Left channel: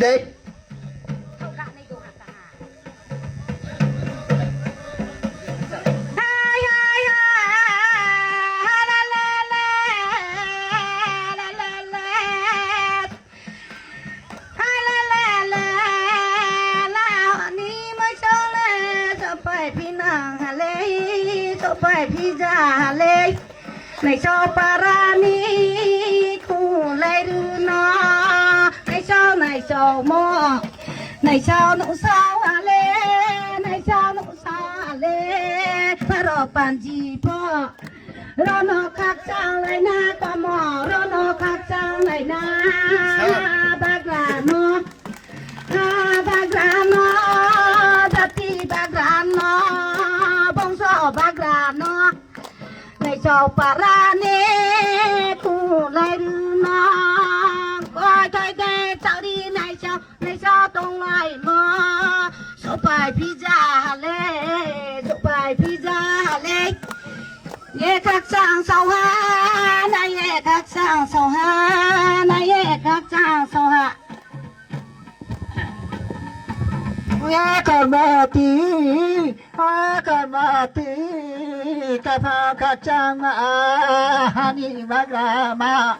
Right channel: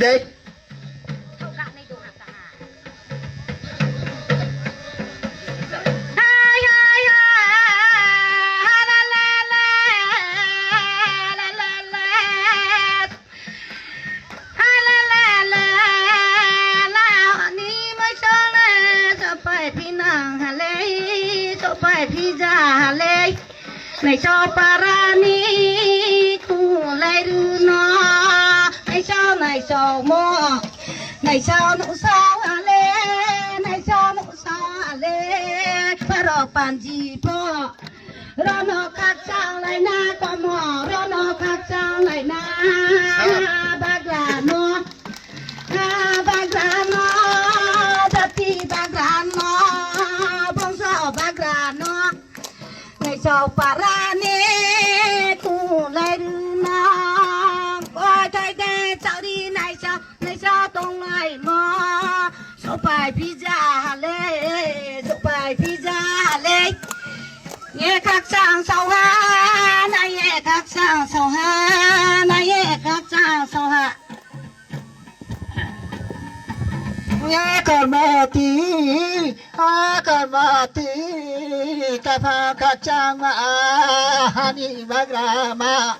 เด็กพี่นางฮะเลยโซไปพี่จ่าฮะเลยในชอบปารานีกูเลยดูนาในชอบหม้อในชอบหนูสาวฮะเลยในชอบหนูสาวฮะเลยพระรอปันจีพ่อรอนอคักจังเลยนะปะหมอรอนอคักจังเลยนะบักลาโมบักลาโมจัดที่บักลาโมบงโซบักลาโมในชาวปาราเนกูเลยดูน้องโอ้ยใจเด็ดใจดีในชาวตรงไหนมาโซไปพิจาเลยโซไปพิจาเลยเย่คักสร้างเสาหานายเย่คักสร้างเสาหานายเย่คักสร้างเสาหาakan mati kapal kacang hani bagrama